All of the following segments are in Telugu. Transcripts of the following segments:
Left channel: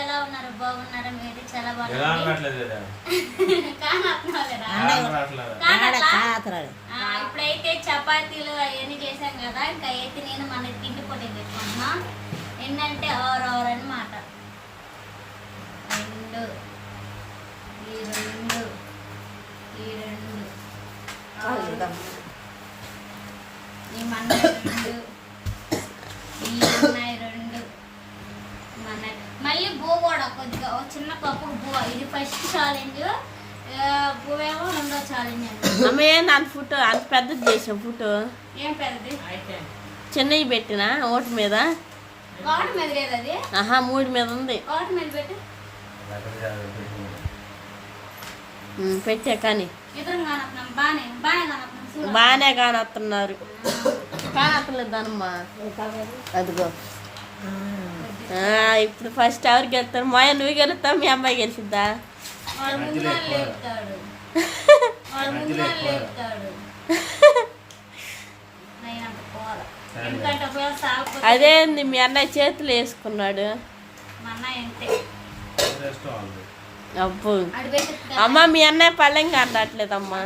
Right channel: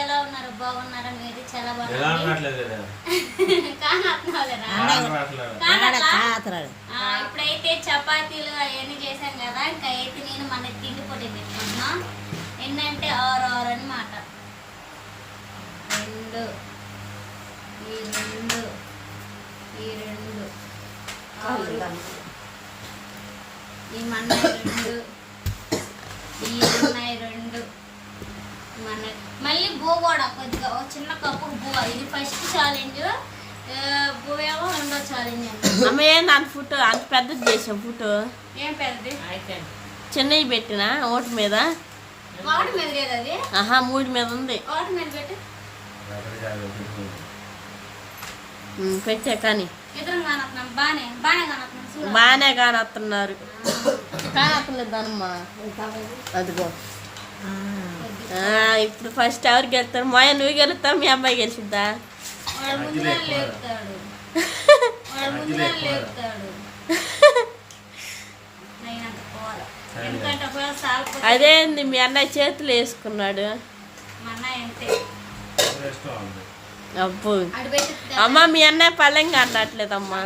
ఎలా ఉన్నారు? బాగున్నారా? మీరు చాలా బాగున్నారు ఇప్పుడైతే చపాతీలు అవన్నీ చేశాం కదా ఇంకా అయితే నేను మన తిండి పొడి పెట్టుకుంటున్నా ఎన్నంటే ఆరు ఆరు అనమాట రెండు ఈ రెండు ఈ రెండు. ఈ మన్నాయి రెండు ఈ మన్నాయి రెండు మన మళ్ళీ బూ కూడా కొద్దిగా? ఒక చిన్న కప్పు బూ ఇది ఫస్ట్ ఛాలెంజ్ ఏమో రెండో ఛాలెంజ్ అమ్మ ఏంది అంత ఫోటో అంత పెద్దది చేసావు ఫోటో. ఏం పెద్దది? చెన్నై పెట్టిన ఓటు మీద? వాటి మీద లేదు అది? ఆహా మూడు మీద ఉంది. వాటి మీద పెట్టు. పెట్టా కానీ. బాగానే కానొస్తున్నారు కానొత్తలేదు దానమ్మా అదిగో. ఇప్పుడు ఫస్ట్ ఎవరు గెలుస్తారు మాయ నువ్వు గెలుస్తావు? మీ అమ్మాయి గెలిచిద్దా? అదేంది మీ అన్నయ్య చేతులు వేసుకున్నాడు. అబ్బు. అమ్మ మీ అన్నయ్య పళ్ళెంగా అనట్లేదమ్మా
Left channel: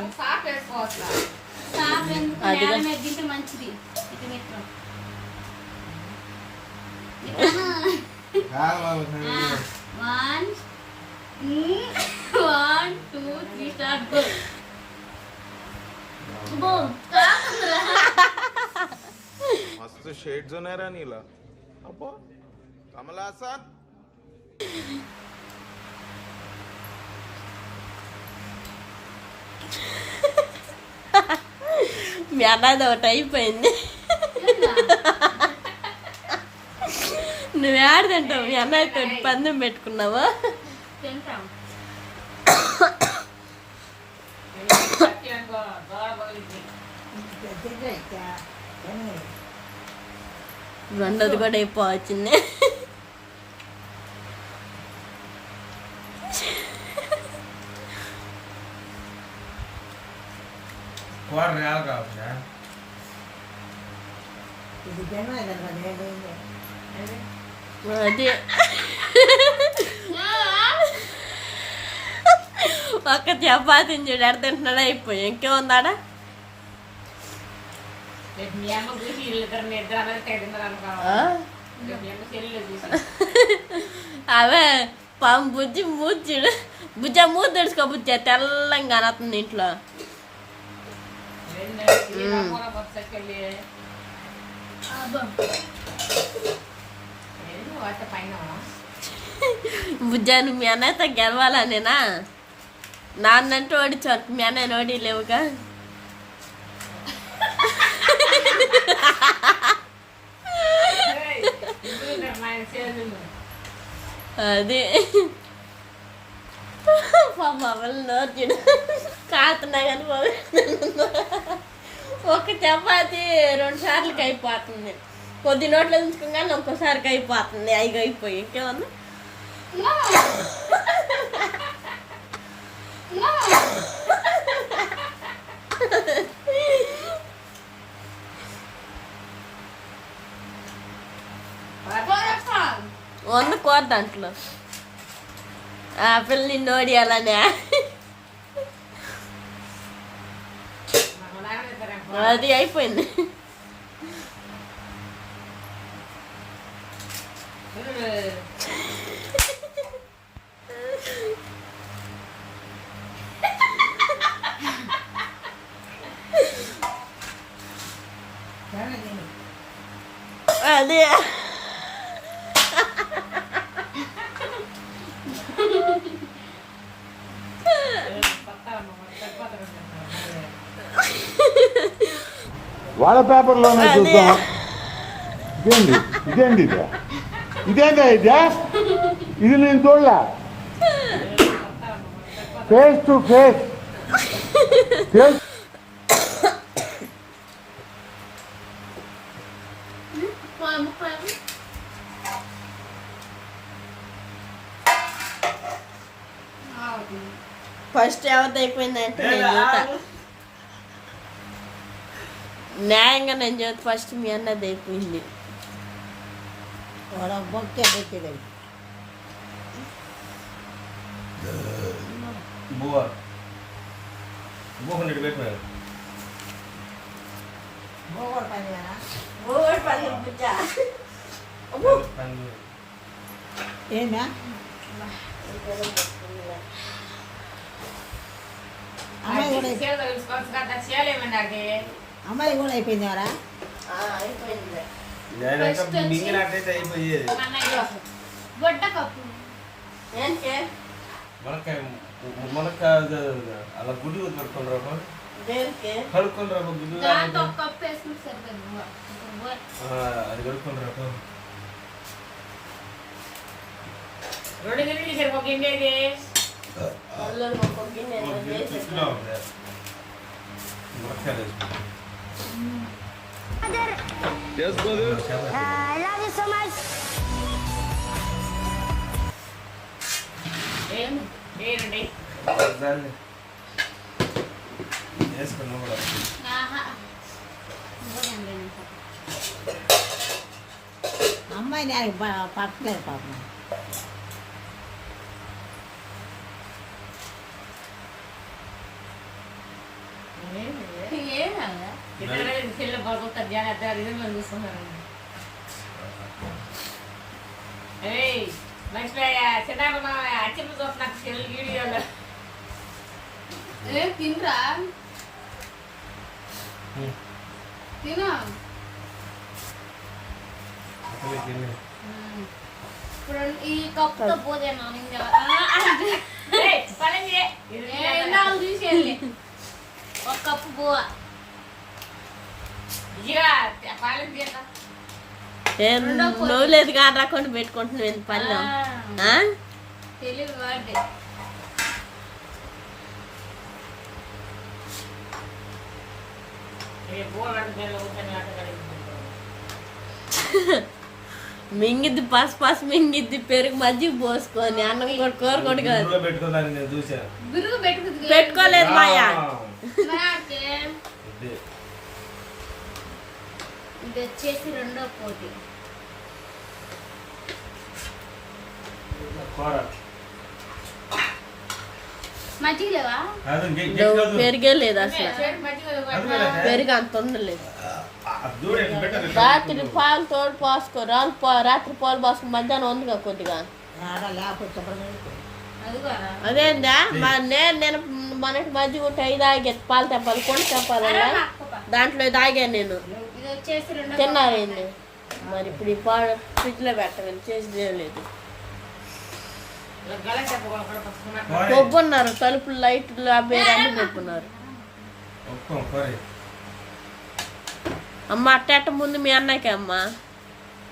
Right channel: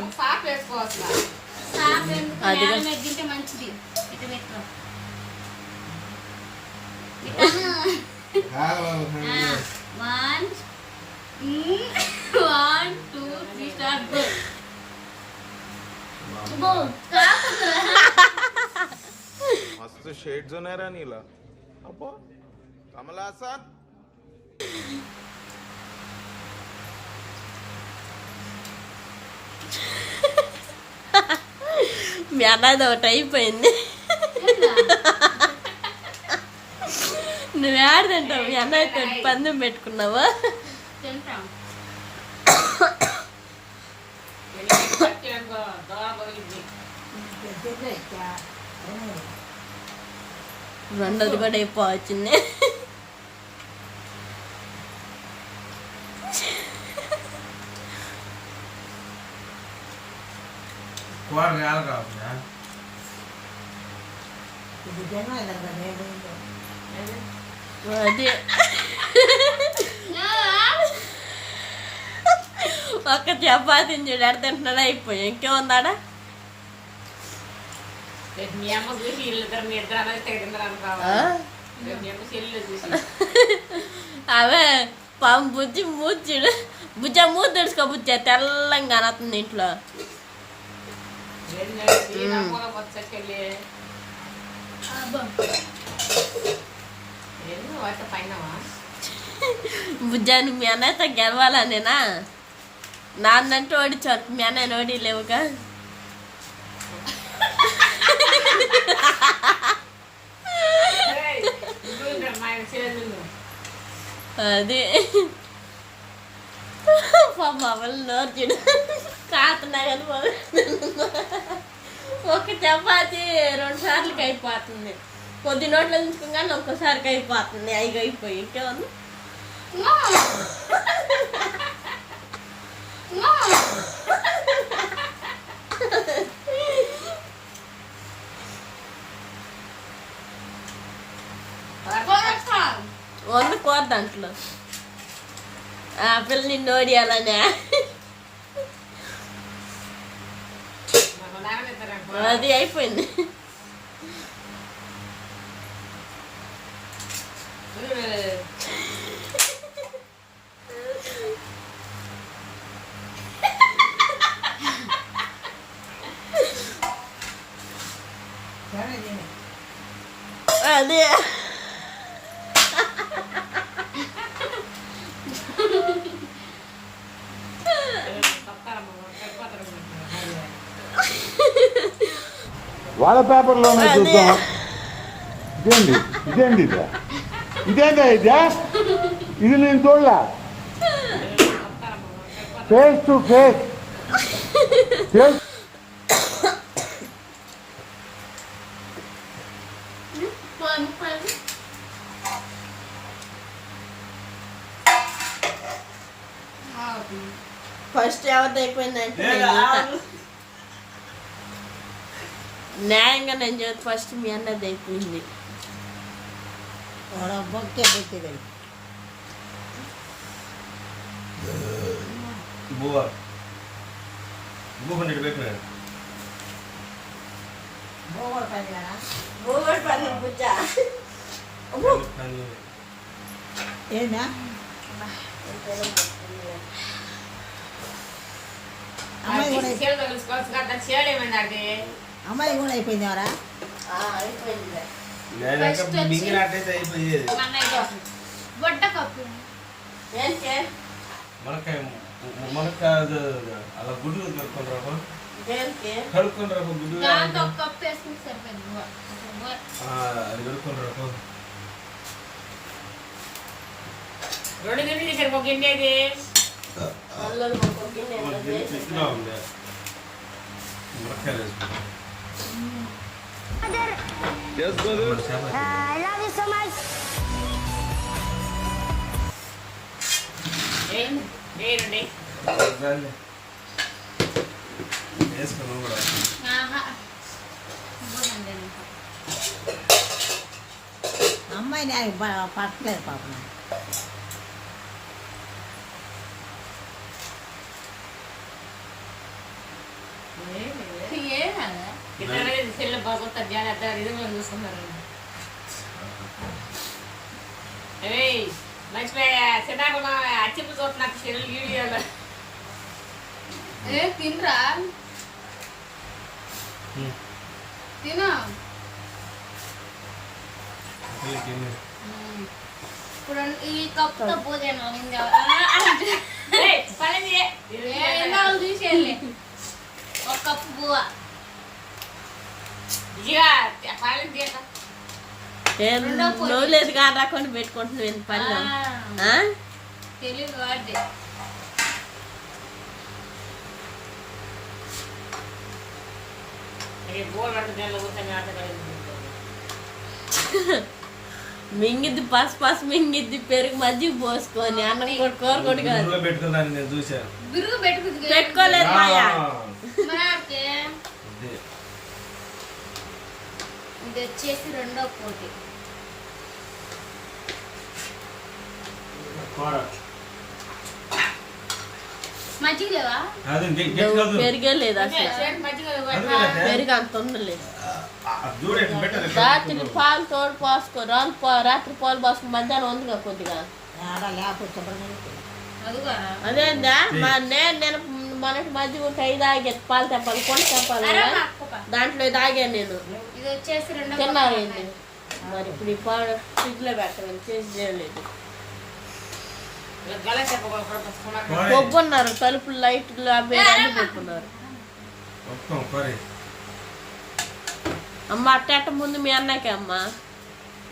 అదిగో. One one two three start మస్తు షేడ్స్ ఉన్నారా నీలా. అబ్బో కమల్ మీ అన్నది ఒకటి అయిపోయింది. నువ్వు ఆడదంటావు మీ అన్నయ్యతో పందెం పెట్టుకున్నావా? రెండోది కూడా అయిపోవచ్చింది కూర రాదు కాకుండా ఇది జన్మ పోయింది. అది. ఒక్క చపాతీని చూడు ఎడ తింటున్నాడు అయిపోయి. ఇంకేముందాడా? అవే పాము బుజ్జి మూర్చుడు బుజ్జ మూత తెడుచుకో బుజ్జ. తెల్లంగా అనతుంది ఇంట్లో. పైన బుజ్జాను మీ అన్నయ్యతో గెలవాలనేనా? నాన్నంటూ ఓడిచారు మీ అన్నయ్య ఓడి లేవుగా? మా చెల్లెలు నోర్చుడు కాతున్నా కానీ ఒక చపాతి రెండు సార్లకి అయిపోతుంది. కొద్ది నోట్లో ఉంచుకోగానే ఒక్కసారికి అయిపోతుంది ఐదు అయిపోయి ఇంకేముంది వంద కూర దాంట్లో ఆ పిల్ల నిన్ను ఓడియాలనే అది అయిపోయింది అదే వాళ్ళ పేపర్లోనే. చూద్దాం. ఇదేంటి ఇదేంటి ఇదే? ఇదేందా ఇదే? ఇది నేను చూడలే. Face to face face first ఎవరిది అయిపోయిందంటే. న్యాయంగా నేను చేతి ఫస్ట్ మీ అన్నది అయిపోయింది. వాడు బొక్కే పెట్టేదాడు బువ్వ. బువ్వ హండ్రెడ్ పెట్టిన గోవర్ పని కదా? బోవడి పని బుజ్జ. అమ్మో. ఏందా? అమ్మాయి కూడా అమ్మాయి కూడా అయిపోయింది ఎవరా? అలా గుడ్డు కొట్టుకుని రావు దేనికి? కడుక్కొని రావు గుడ్డు? అది కడుక్కొని రావు రెండు గిన్నెలు చేశారు ఒక గిన్నె వేసుకుంటాం. ఏ- ఏనండి వేసుకున్నాం కూడా ఆహా. బువ్వ తినలేదు ఇంకా. అమ్మాయి నాకు ప- పట్టలేదు పాపం తినరా. తిను ఇప్పుడు ఈ కప్పుతో ఏ? ఇది ఎందాలు తీసేయాలి ఒక కప్పు బువ్వ ఇదిగా పల్లెంది తీయక. ఏం రెండో పొద్దు. నువ్వు లేదు కానీ రాకుండా పెట్టుకుంటున్నావు వాడితే కలిగి మింగిద్ది పసు పసు మింగిద్ది పెరుగు మజ్జిగ పోసుకొని అన్నం కూడా కూర కూడా కాదు. పెట్టుకోలేదు మాయా? ఇదే. వచ్చేసి రెండో పోటీ. పెరిగే లేదు అసలు. పెరుగు అంత ఉండలేదు? రాత్రి పాలు తోడు పోసుకో. పా- రాత్రి పాలు పోసుకో మధ్యాహ్నం ఉందిగా కొద్దిగా. అదేందా? మా నేను నేను మనకి మధ్య ఉంటే ఐదు ఆగే పాలు తెప్పాలి కొండ తెప్పాలి. దాంట్లో తాగాను నేను. ఇది వచ్చేసి రెండో తిన్నారేంటి మరి ఇప్పుడు ఈ పాలు ఫ్రిడ్జ్లో పెట్టమని చేసి లేదు గల చెప్పకుండా కూడా పుస్తకం కూర. కొబ్బున్నారు తలుపులు లైట్లు అవి అన్ని పెట్టుకున్నారు. అమ్మ అట్టేట ముందు మీ అన్నకే అమ్మ.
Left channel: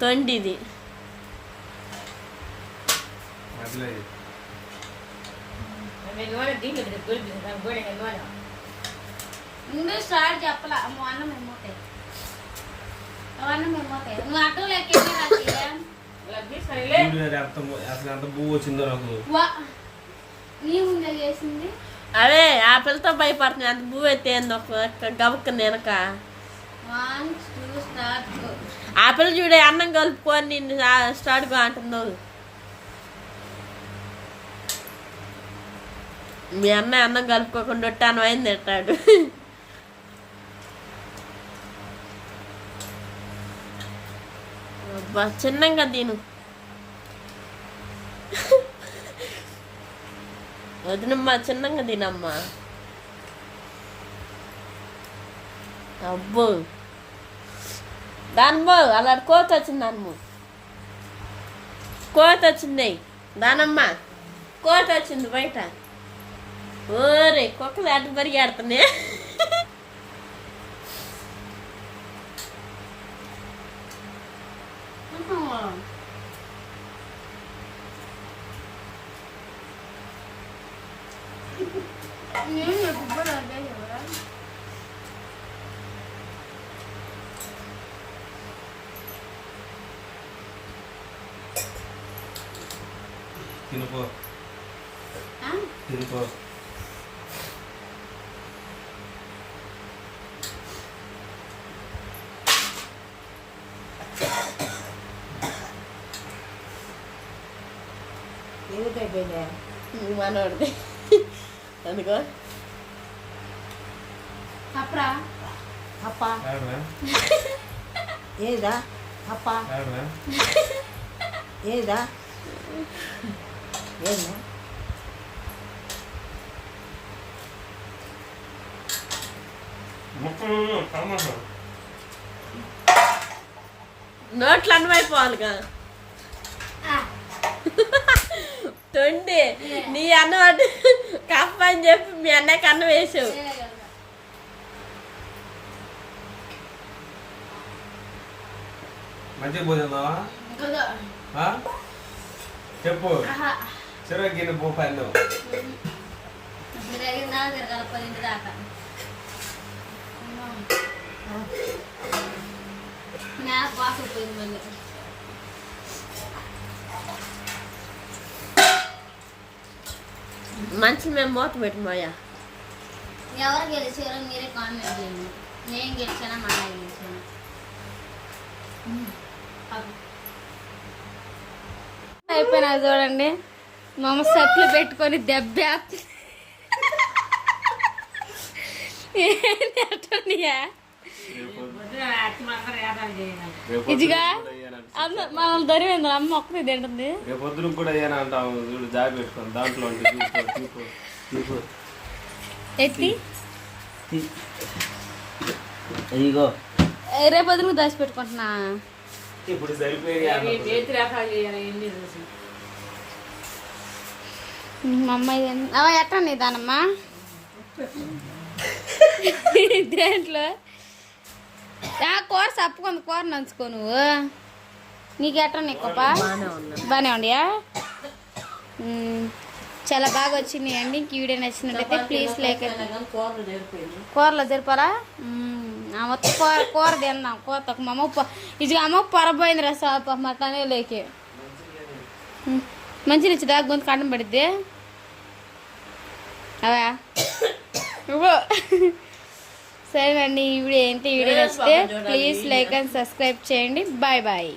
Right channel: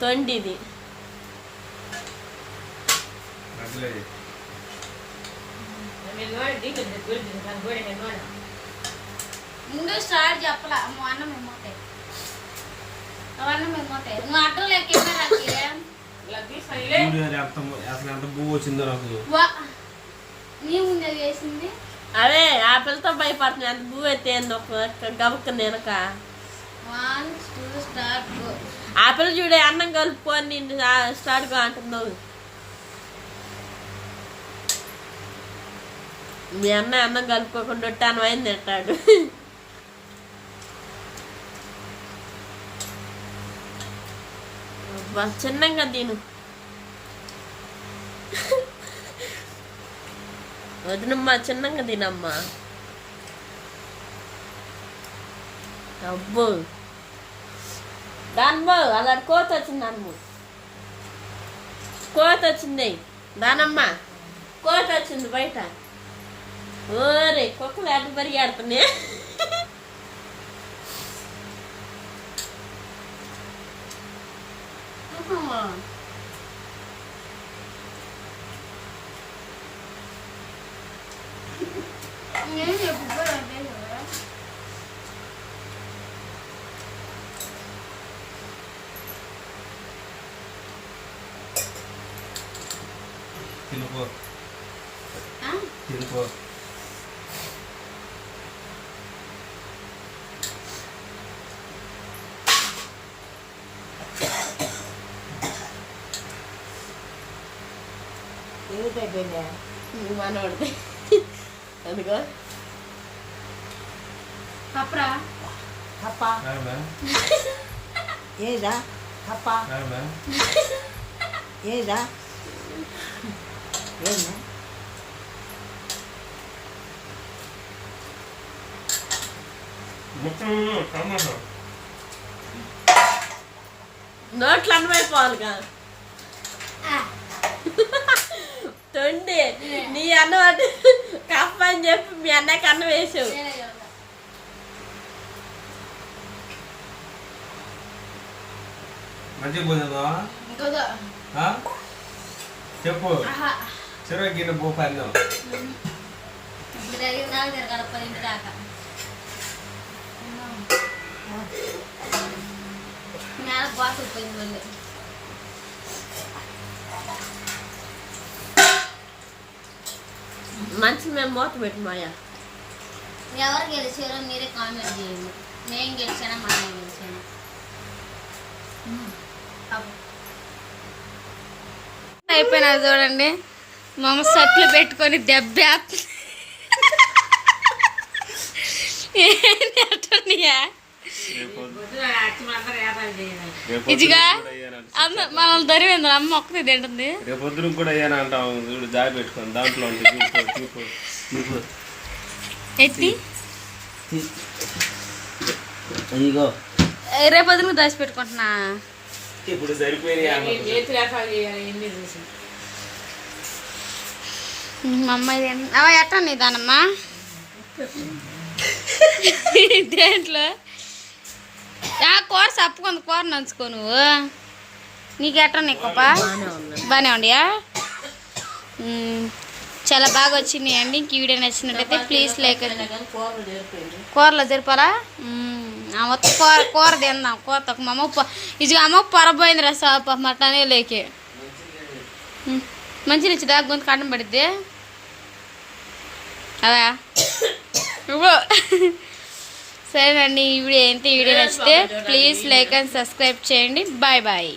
తొండిది. ముందు స్టార్ట్ చెప్పలా అమ్మ అన్నం అవన్నీ మేమోతాయి నువ్వు ఆటో లెక్క ఇలా తీసుకొని చూడు అది ఎంత అసలు ఎంత వచ్చిందో నాకు. అదే ఆ పిల్లతో భయపడుతుంది అంత భూ అయితే ఒక గబక్క నేనక. One two start. గో ఆ పిల్ల చూడే అన్నం కలుపుకొని నిన్ను స్టార్ట్గా అంటున్నావు మీ అన్నయ్య అన్నం కలుపుకోకుండా ఒట్టాను అయింది తింటాడు అబ్బా, చిన్నంగా తిను. వదినమ్మా చిన్నంగా తినమ్మా. అబ్బో. దానిమ్మో అలాంటి కోత వచ్చింది దానిమ్మ. కోత వచ్చింది. దానమ్మ కోత వచ్చింది బయట. ఓరే కుక్కలు అడ్డు పరిగెడుతున్నాయి. నేను ఎప్పుడు అదే కదా తినుకో ఆ? తినుకో ఎవరితో అయిపోయిందా మీ మనోడిది అందుకో కప్పరా కప్ప కాదా? ఏదా కప్ప కాదా? ఏదా ఏందా ముక్కలు టమాటా నోట్లు అన్నమైపోవాలి కదా తొండి. నీ అన్నం అంటే కప్ప అని చెప్పి మీ అన్నయ్యకి అన్నం వేసావు మంచిగా ఆ? చెప్పు. చెరువు గిన్నె దాకా. నేల బాగా పోయింది మళ్ళీ. మంచి మేము మూత పెట్టి మాయా. ఎవరు గెలిచారో మీరే కామెంట్ చేయండి. నేను గెలిచానా మా ఆయన గెలిచానా అయిపోయినా చూడండి. మా అమ్మ సట్లు పెట్టుకొని దెబ్బ ఏంటి అట్టనియా ఇదిగా? అమ్మ మనల్ని దరివేంద్ర అమ్మ ఒక్కతే తింటుంది. రేపు పొద్దున కూడా అయ్యాను చూడు జాబ్ పెట్టుకొని దాంట్లో. ఎత్తి. ఇగో రేపు వదిలి దాచి పెట్టుకుంటున్నా? ఇప్పుడు మా అమ్మాయి. అవ ఎట్టా నీ దానమ్మా? దేంట్లో ఆ కూర సప్పుకుంది కూర నంచుకో నువ్వు. నీకు ఎట్టా నీ బాగానే ఉండియా? చాలా బాగా వచ్చినాయండి ఇంక వీడియో నచ్చినట్టయితే ప్లీజ్ లైక్ కూరలో జరిపాలా ఆ మొత్తం కూర కూర తిందాం. కూర తక్కువ. మా అమ్మ ఇది అమ్మ పొరపోయింది రా సాప మటనే లేకే. మంచి నుంచి దాకా గొంతు కట్టం పడిద్ది. అవా? ఇవ్వు. సరేనండి ఈ వీడియో ఏంటి? ఈ వీడియో నచ్చితే ప్లీజ్ లైక్ అండ్ సబ్స్క్రైబ్ చేయండి. Bye bye